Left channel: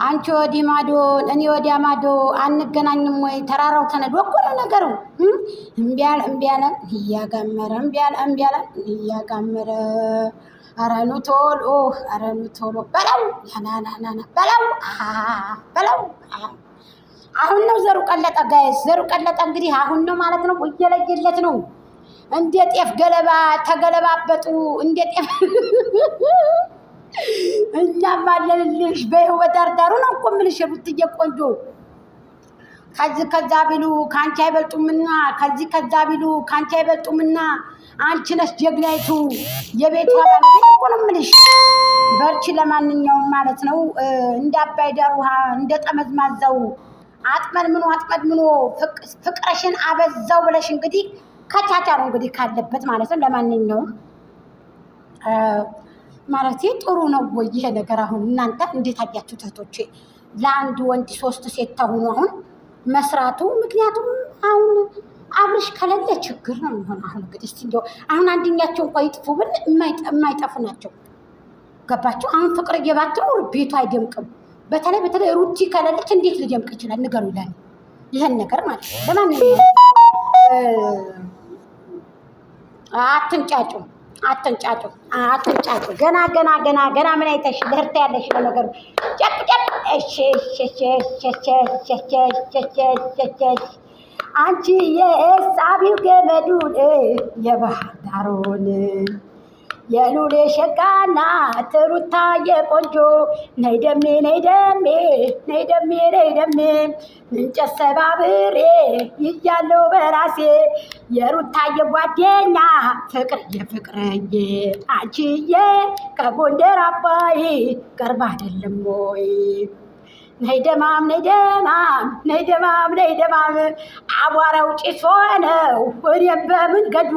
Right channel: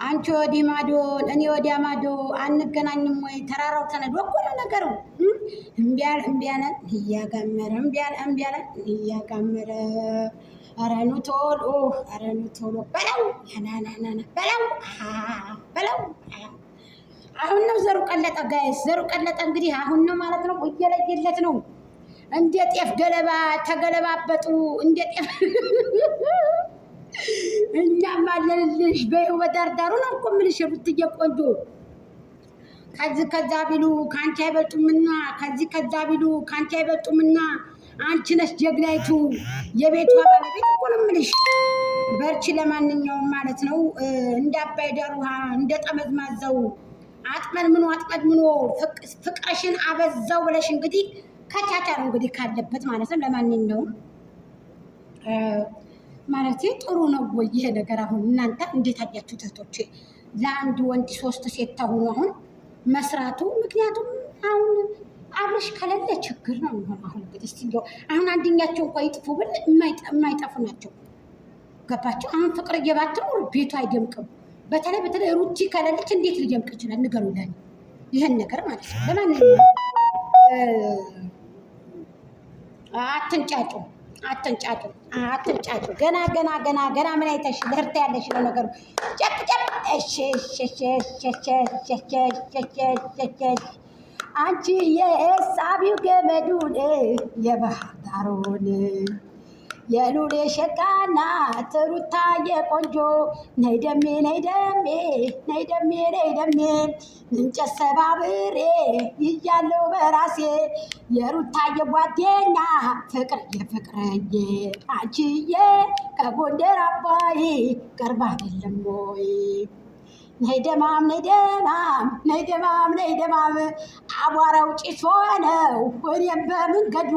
አንቺ ወዲህ ማዶ እኔ ወዲያ ማዶ አንገናኝም ወይ? ተራራው ተነዶ እኮ ነው ነገሩ። እምቢ አለ እያጋመረ እያጋመረ ኧረ ኑ ቶሎ በለው በለው። አሁን ነው ዘሩ ቀለጠ ጋይስ፣ ዘሩ ቀለጠ። እንግዲህ አሁን ነው ማለት ነው። እየለየለት ነው። እንደ ጤፍ ገለባ ተገለባበጡ። እንደ ጤፍ እኛም አለንልሽ በህይወት ዳርዳሩ ነው እኮ የምልሽ ሩትዬ ቆንጆ። ከዛ ቢሉ ከአንቺ አይበልጡምና ከዛ ቢሉ ከአንቺ አይበልጡምና አንቺ ነሽ ጀግናይቱ የቤቷ ባለቤት እኮ ነው የምልሽ። በርቺ ለማንኛውም ማለት ነው። እንደ አባይ ዳር ውሃ እንደ ጠመዝማዛው አጥመድምኖ ፍቅርሽን አበዛው ብለሽ እንግዲህ ከቻቻ ነው እንግዲህ ካለበት ማለት ነው። ለማንኛውም ማለት ጥሩ ነው ወይ ይሄ ነገር? አሁን እናንተ እንዴት አያችሁት እህቶቼ? ለአንድ ወንድ 3 ሴት ተሆኑ አሁን መስራቱ። ምክንያቱም አሁን አብርሽ ከሌለ ችግር ነው የሚሆን። አሁን እንግዲህ እስቲ እንደው አሁን አንደኛቸው እንኳን ይጥፉ ብል የማይጠፉ ናቸው። ገባችሁ? አሁን ፍቅር እየባትኖር ቤቱ አይደምቅም። በተለይ ሩቲ ከሌለች እንዴት ሊደምቅ ይችላል? ንገሩ ይላል ይሄን ነገር ማለት ነው። ለማንኛውም አትንጫጩ። ገና ምን አይተሽ ለህርታ ያለሽ ነገሩ ጨፕ አንቺ የሳቢው ገመዱን የባህር ዳሩን የሉሌ ሸጋና ትሩታ የቆንጆ ነይ ደሜ እንጨት ሰባብሬ ይያለው በራሴ የሩታ የጓደኛ ፍቅርዬ አንቺዬ ከጎንደር አባይ ቀርባ አይደለም ወይ? ነይ ደማም አቧራው ጭስ ሆነው እኔም በመንገዱ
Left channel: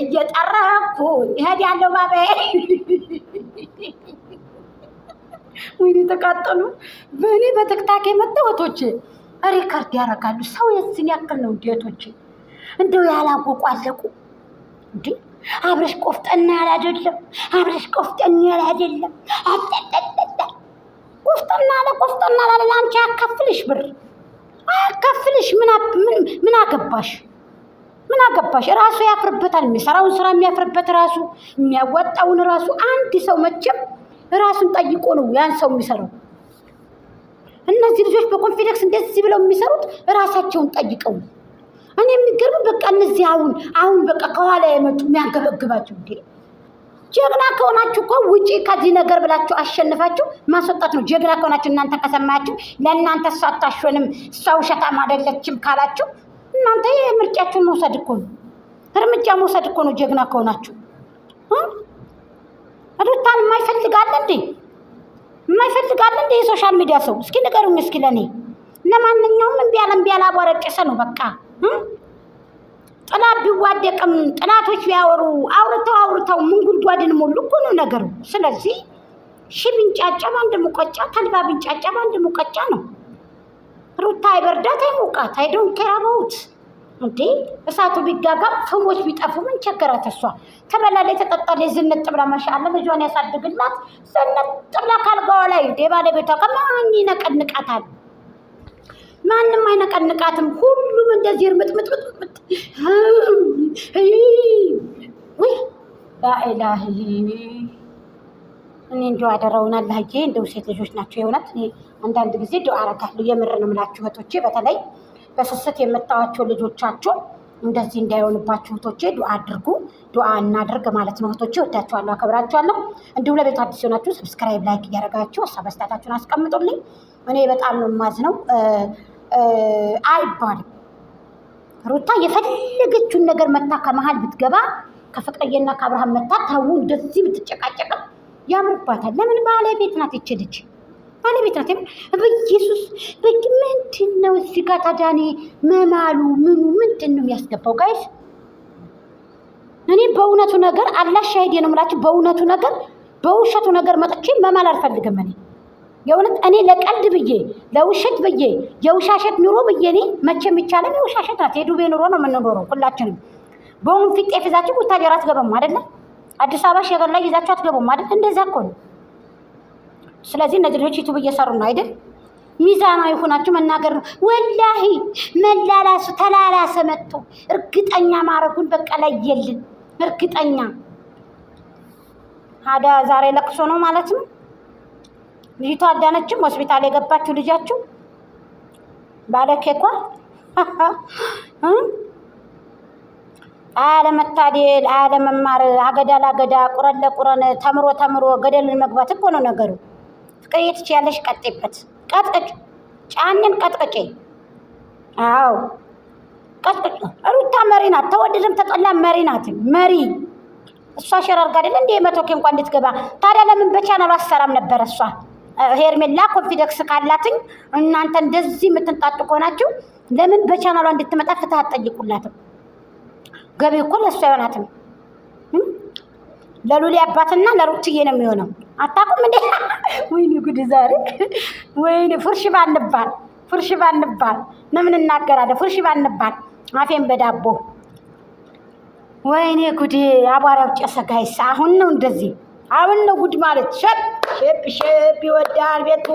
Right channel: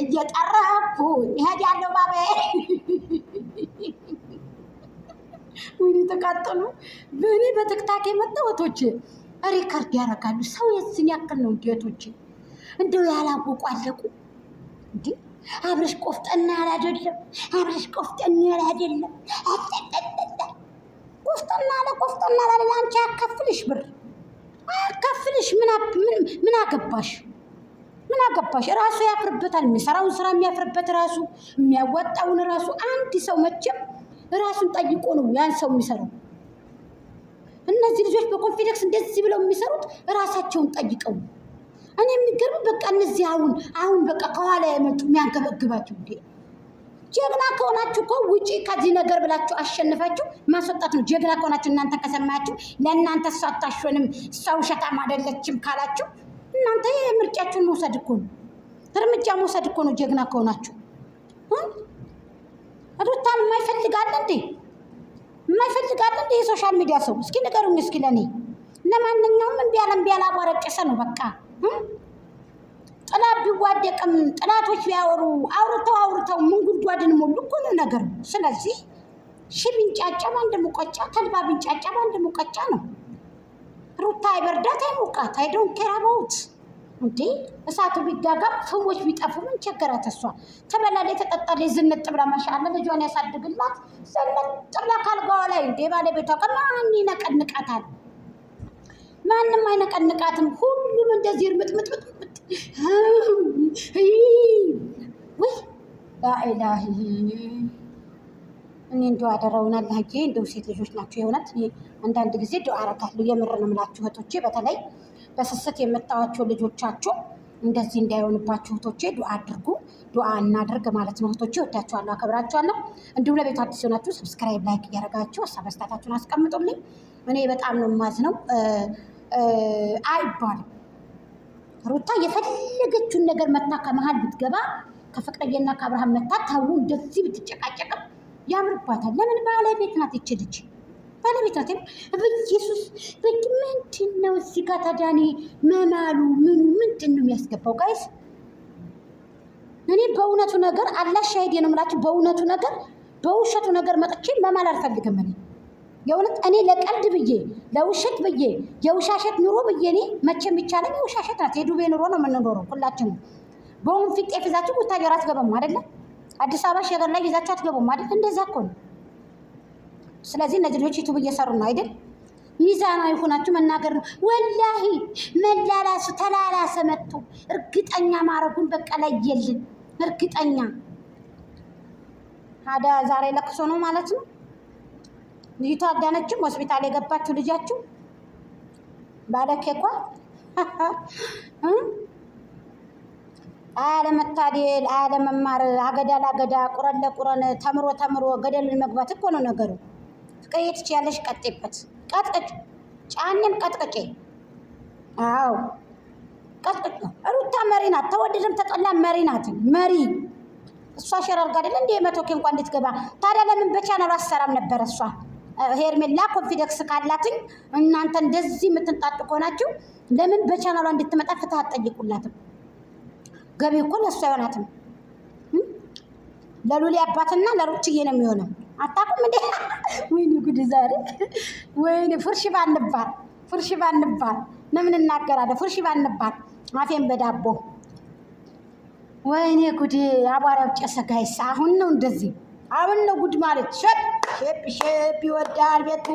እየጠረኩኝ እሄዳለሁ ባቤ። ወይኔ ተቃጠሉ። በእኔ በትክታክ የመጣ እህቶቼ ሪከርድ ያደርጋሉ። ሰው የዚህን ያክል ነው እንደ እህቶቼ እንደው ያላወቁ አለቁ እንዴ። አብረሽ ቆፍጠና ያለ አይደለም። ቆፍጠና ላለ አንቺ አካፍልሽ ብር አካፍልሽ ምን አገባሽ? ራሱ ያፍርበታል። የሚሰራውን ስራ የሚያፍርበት ራሱ የሚያወጣውን ራሱ። አንድ ሰው መቼም ራሱን ጠይቆ ነው ያን ሰው የሚሰራው። እነዚህ ልጆች በኮንፊደንስ እንደዚህ ብለው የሚሰሩት ራሳቸውን ጠይቀው። እኔ የሚገርም በቃ እነዚህ አሁን በቃ ከኋላ የመጡ የሚያንገበግባቸው እንዴ። ጀግና ከሆናችሁ እኮ ውጪ ከዚህ ነገር ብላችሁ አሸንፋችሁ ማስወጣት ነው። ጀግና ከሆናችሁ እናንተ ከሰማያችሁ ለእናንተ እሷ አታሸንም እሷ ውሸታም አይደለችም ካላችሁ እናንተ የምርጫችሁን መውሰድ እኮ ነው፣ እርምጃ መውሰድ እኮ ነው። ጀግና ከሆናችሁ ሩታን የማይፈልጋለ እንዴ የሶሻል ሚዲያ ሰው? እስኪ ንገሩኝ እስኪ ለእኔ። ለማንኛውም እምቢ ያለ አቧረጨሰ ነው በቃ። ጥላት ቢዋደቅም ጥላቶች ቢያወሩ አውርተው ምን ጉድጓድን ሞሉ እኮ ነው ነገሩ። ስለዚህ ቢንጫጫ በአንድ ሙቀጫ፣ ተልባ ቢንጫጫ በአንድ ሙቀጫ ነው። ሩታ አይበርዳት አይሞቃት አይዶን ከራባውት እንዴ። እሳቱ ቢጋጋም ሰዎች ቢጠፉ ምን ቸገራት? እሷ ተበላለች ተጠጣለች ዝንጥ ብላ ማሻአላ ልጇን ያሳድግላት። ዝንጥ ብላ ካልጋዋ ላይ እንዴ ባለቤቷ ከማን ይነቀንቃታል? ማንም አይነቀንቃትም። ሁሉም እንደዚህ እርምጥምጥምጥ ወይ ላኢላሂ። እኔ እንደው አደራውን አላህዬ እንደው ሴት ልጆች ናቸው የእውነት። እኔ አንዳንድ ጊዜ ዱዓ አረጋለሁ። የምርን እምላችሁ እህቶቼ፣ በተለይ በስስት የምታዋቸው ልጆቻችሁ እንደዚህ እንዳይሆንባችሁ እህቶቼ ዱዓ አድርጉ። ዱዓ እናድርግ ማለት ነው እህቶቼ። ወዳችኋለሁ፣ አከብራችኋለሁ። እንዲሁም ለቤቱ አዲስ የሆናችሁ ሰብስክራይብ፣ ላይክ እያደረጋችሁ ሀሳብ አስተያየታችሁን አስቀምጡልኝ። እኔ በጣም ነው የማዝነው። አይባልም ሩታ የፈለገችውን ነገር መታ ከመሀል ብትገባ ከፍቅርዬና ከአብርሃም መታ ተው እንደዚህ ብትጨቃጨቅም ያምርባታል። ለምን? ባለቤት ናት ይችልች ባለቤት ናት። በኢየሱስ ምንድን ነው እዚህ ጋር ታዳኒ መማሉ ምንድን ነው የሚያስገባው? ጋይስ እኔ በእውነቱ ነገር አላህ ሻሂዴ ነው የምላችሁ። በእውነቱ ነገር በውሸቱ ነገር መጥቼ መማል አልፈልግም። የእውነት እኔ ለቀልድ ብዬ ለውሸት ብዬ የውሻሸት ኑሮ ብዬ እኔ መቼም ይቻላል። የውሻሸት ናት። የዱቤ ኑሮ ነው የምንኖረው ሁላችንም። በወንፊት ጤፍ ይዛችሁ ቡታጀራ አትገባም አይደለ? አዲስ አበባ ሸገር ላይ ይዛችሁ አትገቡም አይደል? እንደዛ እኮ ነው። ስለዚህ እነዚህ ልጆች ዩቱብ እየሰሩ ነው አይደል? ሚዛናዊ ሆናችሁ መናገር ነው። ወላሂ መላላሱ ተላላሰ መጥቶ እርግጠኛ ማድረጉን በቃ ላይ የልን እርግጠኛ አዳ ዛሬ ለቅሶ ነው ማለት ነው። ልጅቷ አዳነችም ሆስፒታል የገባችው ልጃችሁ ባለኬኳ አለመታደል አለመማር አገዳ ላገዳ ቁረን ለቁረን ተምሮ ገደልን መግባት እኮ ነው ነገሩ። ፍቅር ትችያለሽ፣ ቀጤበት ቀጥቀጭ ጫንን ቀጥቀጭ። አዎ ቀጥቀጭ። ሩታ መሪ ናት፣ ተወደደም ተጠላ መሪ ናት። መሪ እሷ ሸራርጋ አይደል እንዴ መቶኬ እንኳን እንድትገባ። ታዲያ ለምን በቻናሉ አሰራም ነበር? እሷ ሄርሜላ ኮንፊደንስ ካላትኝ እናንተ እንደዚህ የምትንጣጡ ከሆናችሁ ለምን በቻናሏ እንድትመጣ ፍትህ አትጠይቁላትም? ገቢ እኮ ለእሷ አይሆናትም። ለሉሊ አባትና ለሩትዬ ነው የሚሆነው። አታውቁም እንዴ? ወይኔ ጉድ ዛሬ ወይኔ ፉርሽ ባንባል ለምን እናገራለን? ፉርሽ ባንባል አፌን በዳቦ ወይኔ ጉድ አቧራው ጨሰ። ጋይስ አሁን ነው እንደዚህ አሁን ነው ጉድ ማለት ሸፕ ይወዳል ቤቱ